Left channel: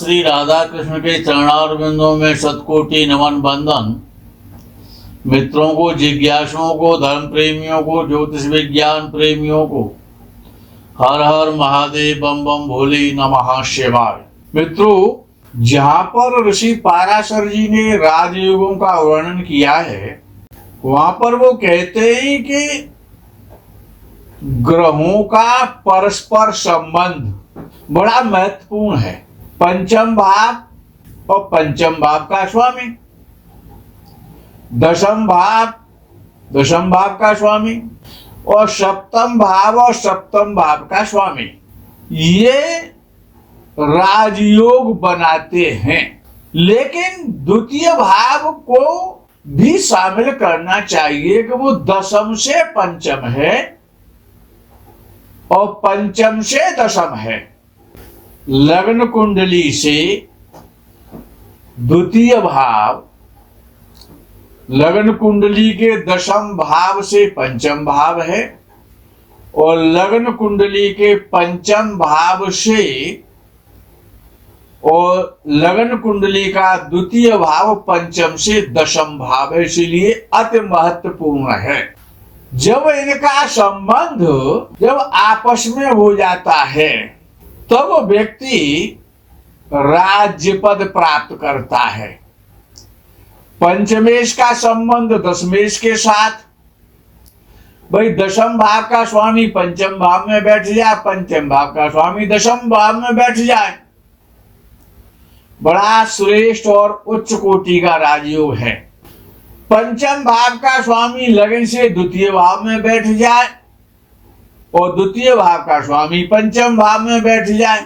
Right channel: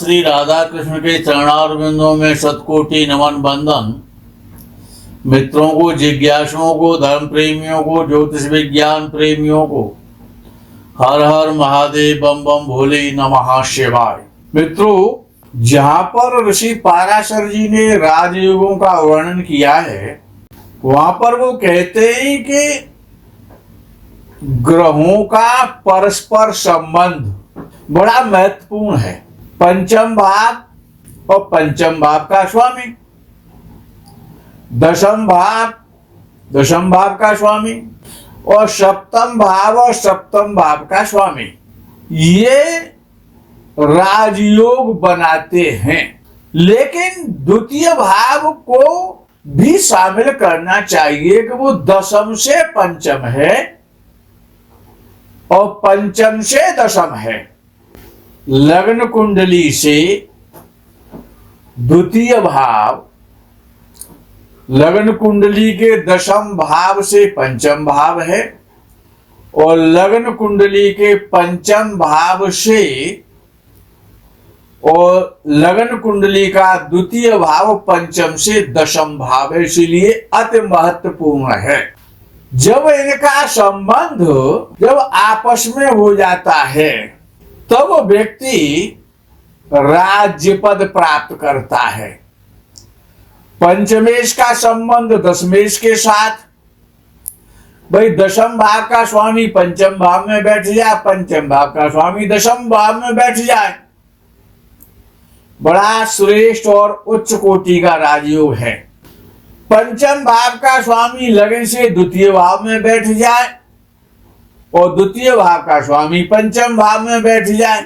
श्री राधा कृष्ण के चरणारविंदों में शतकोटि नमन बंदन। मित्रों को, जिज्ञासुओं को, धर्म प्रेमियों को, ज्योतिष विज्ञान प्रेमियों को हर हर महादेव, बम बम भोले, नमः शिवाय। मित्रों, जहां पर ऋषि पाराशर जी ने राजयोगों का वर्णन किया है, वहां पर वो कहते हैं कि ग्रहों का परस्पर संबंध बड़ा महत्वपूर्ण है। पंचम भाव और पंचम भाव का स्वामी, दशम भाव का स्वामी और सप्तम भाव का स्वामी, ये राजयोग बनाते हैं। लेकिन द्वितीय भाव को भी शामिल करना चाहिए कि वो दशम से पंचम है और पंचम से दशम है। लग्न कुंडली से द्वितीय भाव, लग्न कुंडली के दशम भाव से पंचम भाव है और लग्न कुंडली के पंचम भाव से और लग्न कुंडली का द्वितीय भाव पंचम से दशम भाव है, इसलिए अति महत्वपूर्ण है। जब इनका संबंध जब आपस में हो जाता है तब व्यक्ति राज्य पद प्राप्त करता है। पंचमेश का संबंध दशमेश के साथ, भाई दशम भाव का स्वामी पंचम भाव में बैठ जाए, पंचम भाव का स्वामी दशम भाव में बैठ जाए, बड़ा श्रेष्ठ और उच्च कोटि का राजयोग है। पंचम भाव का स्वामी लगन से द्वितीय भाव में बैठ जाए और द्वितीय भाव का स्वामी पंचम भाव में बैठ जाए,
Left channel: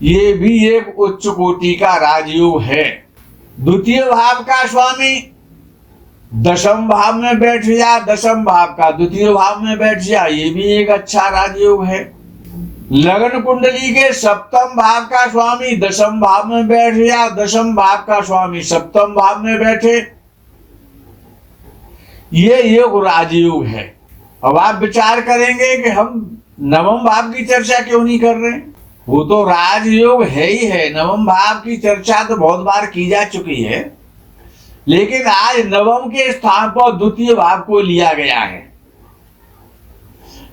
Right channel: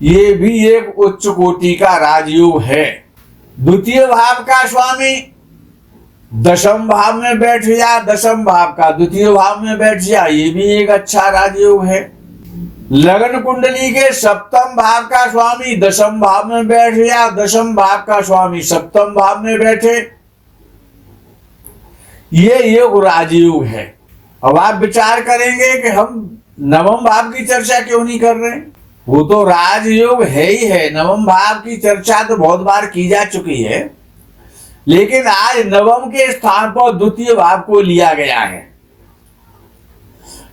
ये भी एक उच्च कोटि का राजयोग है। द्वितीय भाव का स्वामी दशम भाव में बैठ जाए, दशम भाव का द्वितीय भाव में बैठ जाए, ये भी एक अच्छा राजयोग है। लग्न कुंडली के सप्तम भाव का स्वामी दशम भाव में बैठ जाए, दशम भाव का स्वामी सप्तम भाव में बैठे, ये योग राजयोग है। अब आप विचार करेंगे कि हम नवम भाव की चर्चा क्यों नहीं कर रहे? वो तो राजयोग है ही है। नवम भाव की चर्चा तो बहुत बार की जा चुकी है, लेकिन आज नवम के स्थान पर द्वितीय भाव को लिया गया है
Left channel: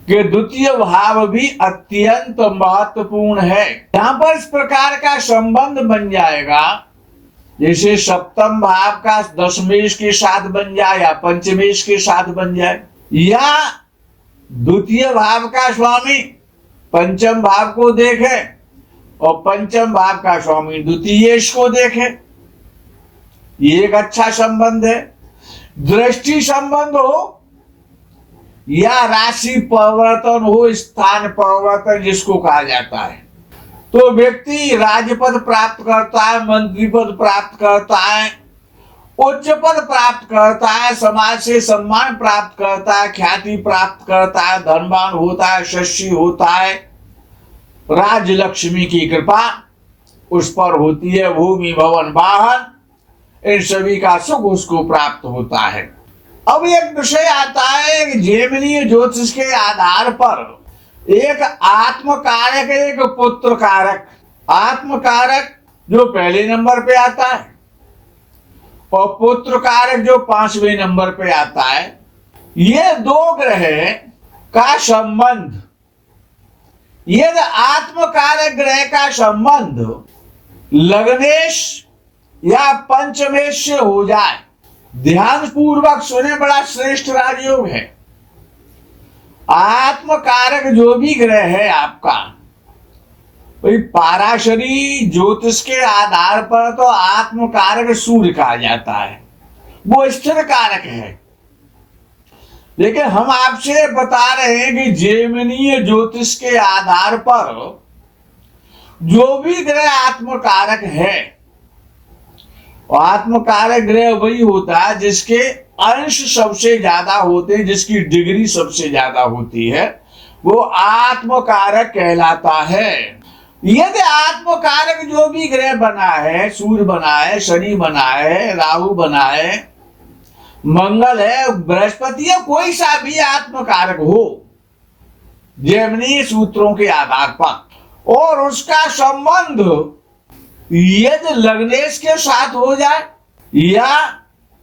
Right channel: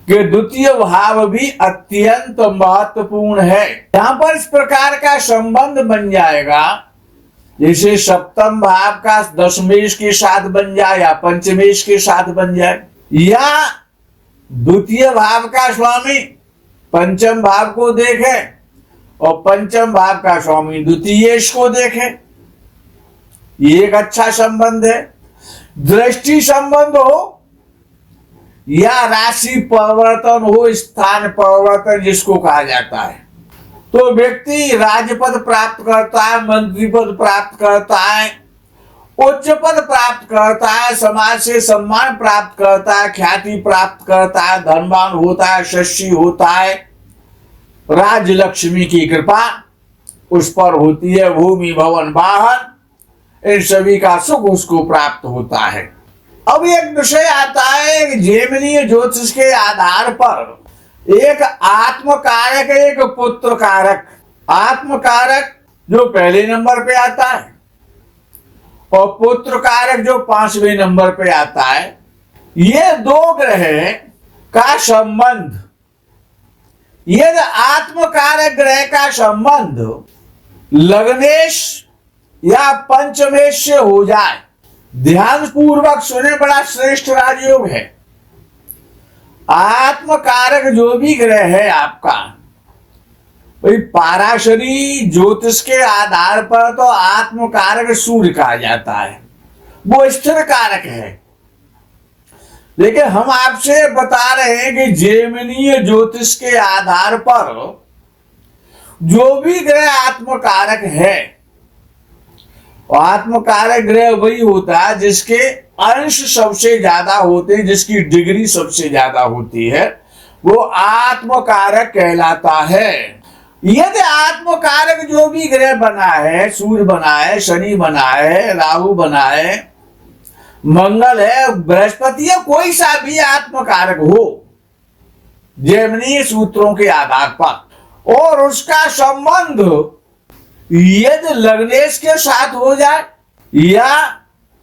कि द्वितीय भाव भी अत्यंत महत्वपूर्ण है। यहां पर इस प्रकार का संबंध बन जाएगा जैसे सप्तम भाव का दशमेश के साथ बन जाए या पंचमेश के साथ बन जाए, या द्वितीय भाव का स्वामी पंचम भाव को देखे और पंचम भाव का स्वामी द्वितीयेश को देखे, ये एक अच्छा संबंध है। दृष्टि संबंध हो या राशि परिवर्तन हो, स्थान परिवर्तन जिसको कहा जाता है, तो व्यक्ति राज्यपद प्राप्त करता है, मंत्री पद प्राप्त करता है, उच्च पद प्राप्त करता है, समाज से सम्मान प्राप्त करता है, ख्याति प्राप्त करता है, धनवान होता है, यशस्वी होता है, राज लक्ष्मी की कृपा उस पर होती है, भूमि भवन वाहन इन सभी का सुख उसको प्राप्त होता है। अब एक विषय आता है कि जेमिनीय ज्योतिष के आधार पर एक आत्म कारक, एक पुत्र कारक। आत्म कारक जो पहले नंबर पे आता है और पुत्र कारक जो 5वें नंबर पे आता है, ये दो ग्रह का संबंध, यदि आत्म कारक ग्रह का संबंध लग्नेश या पंचमेश से हो जाए, ध्यान पूर्वक सुने, बड़ा श्रेष्ठ राजयोग है। आत्म कारक जो भी ग्रह है आपका, पाराशरी ज्योतिष के आधार पर तो आत्म कारक सूर्य कहा जाता है, वो स्थिर कारक है। लेकिन हम आपसे बता रहे हैं कि जेमिनीय ज्योतिष के आधार पर जो भी ग्रह आत्म कारक है, आत्म कारक ग्रह वही होता है जिसके अंश सबसे ज्यादा होते हैं, जिसकी डिग्री सबसे ज्यादा होती है, वो आत्म कारक कहलाता है। यदि आत्म कारक जो भी ग्रह बना है, सूर्य बना है, शनि बना है, राहु बना है, मंगल है, बृहस्पति है, कोई सा भी आत्म कारक हो जेमिनी सूत्रों के आधार पर, और उसका संबंध यदि लग्नेश के साथ हो जाए या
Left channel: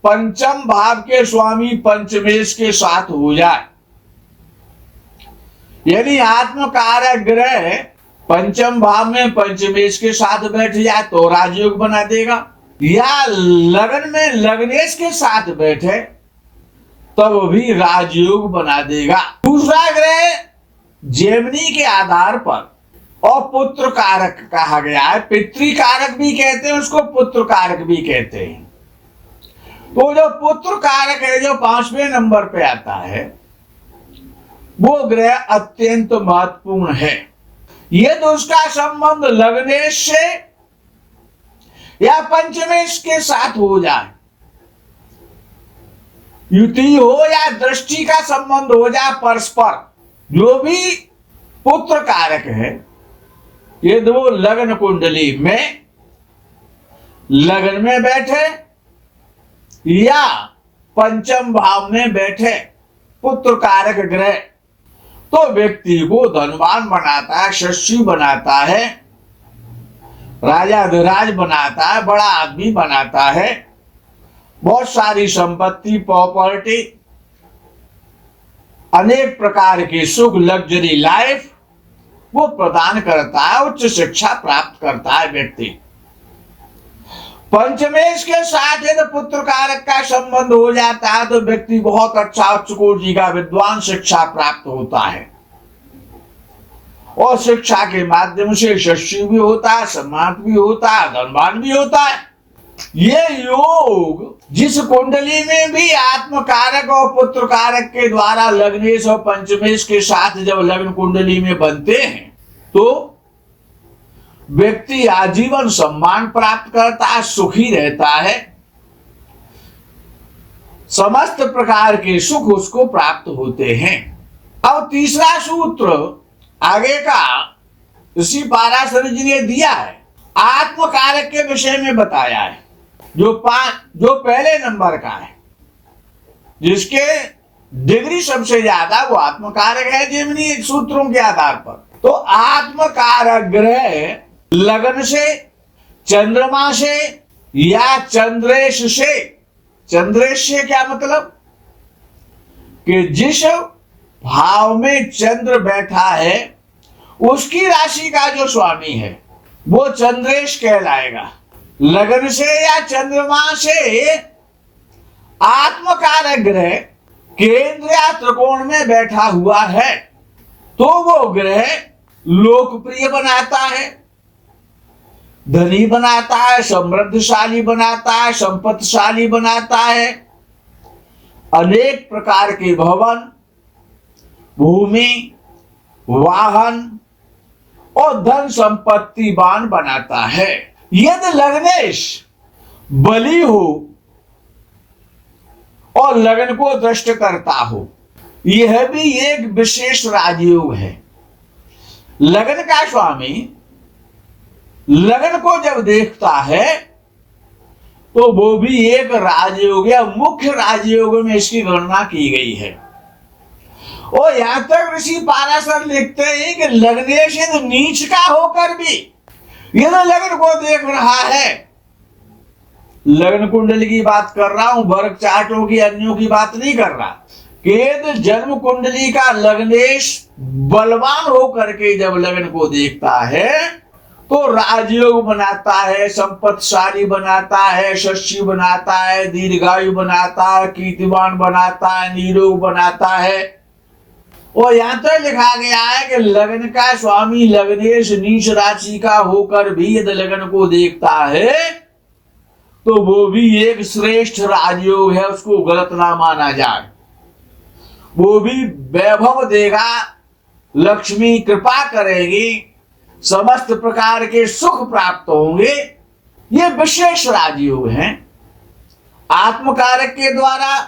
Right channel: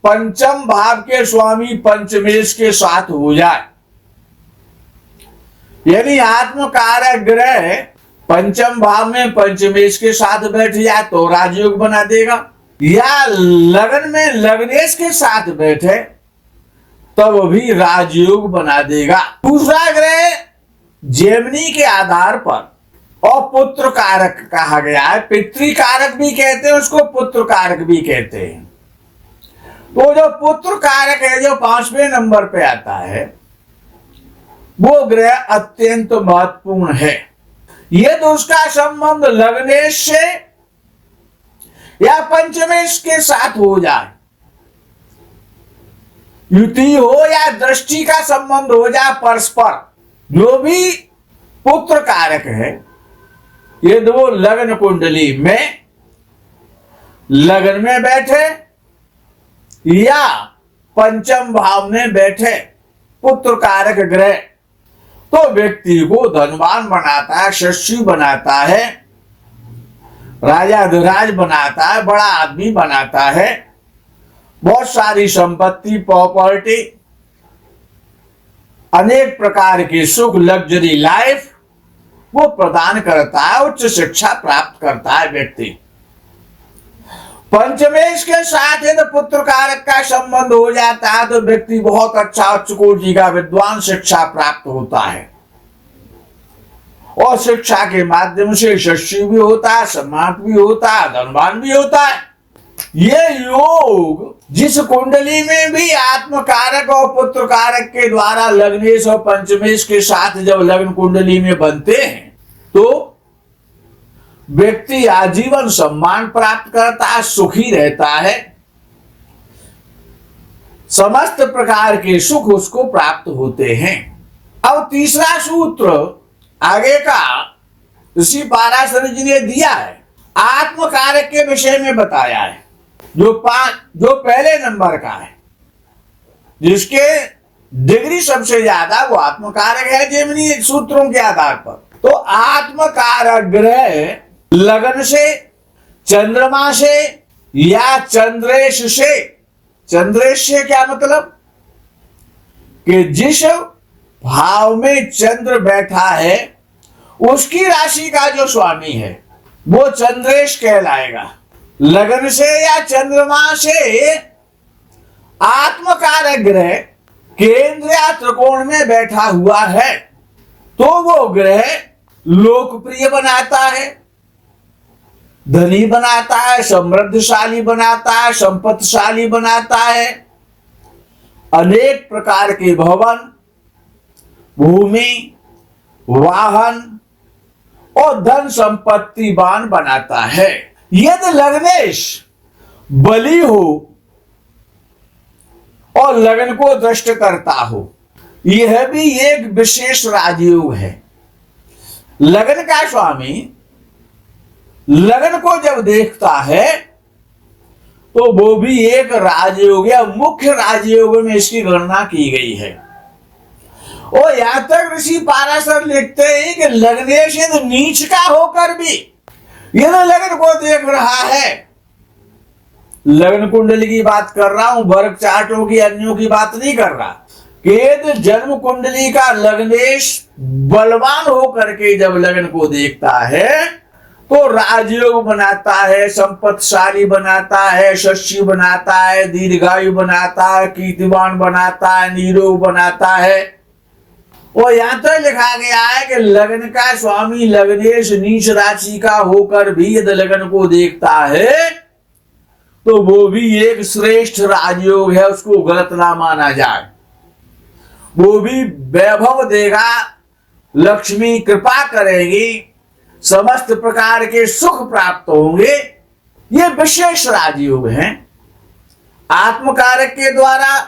पंचम भाव के स्वामी पंचमेश के साथ हो जाए, यदि आत्मकारक ग्रह पंचम भाव में पंचमेश के साथ बैठ जाए तो राजयोग बना देगा, या लगन में लग्नेश के साथ बैठे तब भी राजयोग बना देगा। दूसरा ग्रह जेमिनी के आधार पर और पुत्र कारक कहा गया है, पितृकारक भी कहते हैं उसको, पुत्र कारक भी कहते हैं। वो जो पुत्र कारक है जो 5वें नंबर पे आता है, वो ग्रह अत्यंत महत्वपूर्ण है। ये तो उसका संबंध लग्नेश से या पंचमेश के साथ हो जाए, युति हो या दृष्टि का संबंध हो जाए परस्पर, जो भी पुत्र कारक है, ये दो लग्न कुंडली में लगन में बैठे या पंचम भाव में बैठे पुत्र कारक ग्रह, तो व्यक्ति को धनवान बनाता है, यशस्वी बनाता है, राजाधिराज बनाता है, बड़ा आदमी बनाता है, बहुत सारी संपत्ति, प्रॉपर्टी, अनेक प्रकार की सुख, लग्जरी लाइफ वो प्रदान करता है, उच्च शिक्षा प्राप्त करता है व्यक्ति। पंचमेश के साथ यदि पुत्र कारक का संबंध हो जाता है तो व्यक्ति बहुत अच्छा उच्च कोटि का विद्वान शिक्षा प्राप्त होता है और शिक्षा के माध्यम से यशस्वी भी होता है, सम्मानित भी होता है, धनवान भी होता है। ये योग जिस कुंडली में भी आत्मकारक और पुत्र कारक के द्वारा लग्नेश और पंचमेश के साथ जब लग्न कुंडली में बनते हैं तो व्यक्ति आजीवन सम्मान प्राप्त करता है, सुखी रहता है, समस्त प्रकार के सुख उसको प्राप्त होते हैं। अब तीसरा सूत्र आगे का ऋषि पाराशर जी ने दिया है, आत्मकारक के विषय में बताया है, जो पहले नंबर का है, जिसके डिग्री सबसे ज्यादा वो आत्मकारक है जेमिनी सूत्रों के आधार पर। तो आत्मकारक ग्रह लगन से, चंद्रमा से या चंद्रेश से, चंद्रेश से क्या मतलब कि जिस भाव में चंद्र बैठा है उसकी राशि का जो स्वामी है वो चंद्रेश कहलाएगा। लगन से या चंद्रमा से आत्मकारक ग्रह केंद्र या त्रिकोण में बैठा हुआ है तो वो ग्रह लोकप्रिय बनाता है, धनी बनाता है, समृद्धशाली बनाता है, संपत्तिशाली बनाता है, अनेक प्रकार के भवन, भूमि, वाहन और धन संपत्तिवान बनाता है। यदि लग्नेश बली हो और लगन को दृष्ट करता हो, यह भी एक विशेष राजयोग है। लगन का स्वामी लगन को जब देखता है तो वो भी एक राजयोग या मुख्य राजयोग में इसकी गणना की गई है। और यहां तक ऋषि पाराशर लिखते हैं कि लग्नेश यदि नीच का होकर भी यदि लगन को देख रहा है, लगन कुंडली की बात कर रहा हूं, वर्ग चार्टों की, अन्यों की बात नहीं कर रहा, कि यदि जन्म कुंडली का लग्नेश बलवान होकर के जब लगन को देखता है तो राजयोग बनाता है, संपत्तिशाली बनाता है, यशस्वी बनाता है, दीर्घायु बनाता है, कीर्तिवान बनाता है, निरोग बनाता है। और यहां तो लिखा गया है कि लगन का स्वामी लग्नेश नीच राशि का होकर भी यदि लगन को देखता है तो वो भी एक श्रेष्ठ राजयोग है, उसको गलत ना माना जाए। वो भी वैभव देगा, लक्ष्मी कृपा करेगी, समस्त प्रकार के सुख प्राप्त होंगे। ये विशेष राजयोग हैं। आत्मकारक के द्वारा,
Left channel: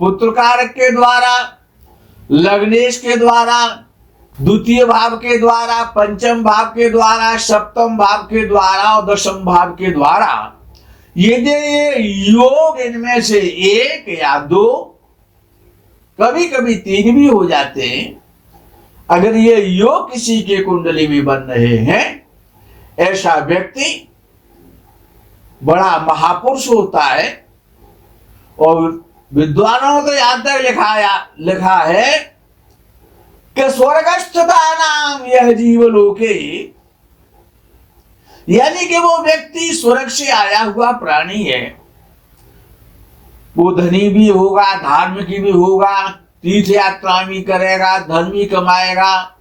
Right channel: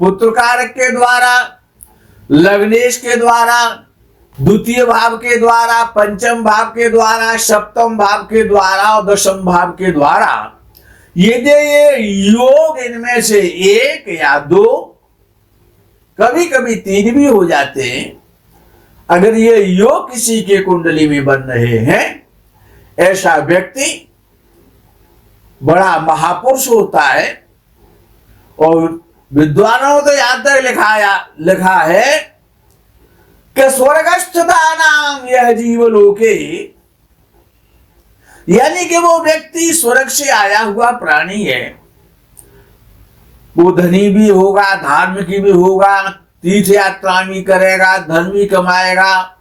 पुत्र कारक के द्वारा, लग्नेश के द्वारा, द्वितीय भाव के द्वारा, पंचम भाव के द्वारा, सप्तम भाव के द्वारा और दशम भाव के द्वारा, ये योग इनमें से एक या दो, कभी कभी तीन भी हो जाते हैं, अगर ये योग किसी के कुंडली में बन रहे हैं, ऐसा व्यक्ति बड़ा महापुरुष होता है। और विद्वानों ने यहां तक लिखा है कि स्वर्गस्थता नाम यह जीवलोके, यानी कि वो व्यक्ति स्वर्ग से आया हुआ प्राणी है। वो धनी भी होगा, धार्मिक भी होगा, तीर्थ यात्रा भी करेगा, धन भी कमाएगा,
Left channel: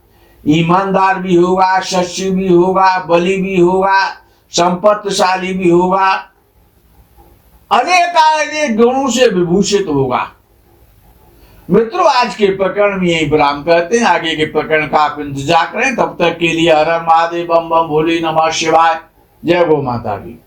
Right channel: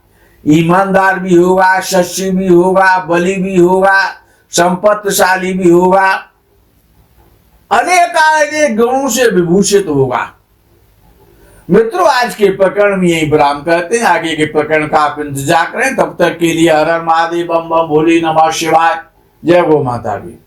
ईमानदार भी होगा, सच्ची भी होगा, बलि भी होगा, संपत्तिशाली भी होगा, अनेक गुणों से विभूषित होगा। मित्रों, आज के प्रकरण में यही विराम करते हैं। आगे के प्रकरण का आप इंतजार करें। तब तक के लिए हर हर महादेव, बम बम भोले, नमः शिवाय। जय गो माता दी।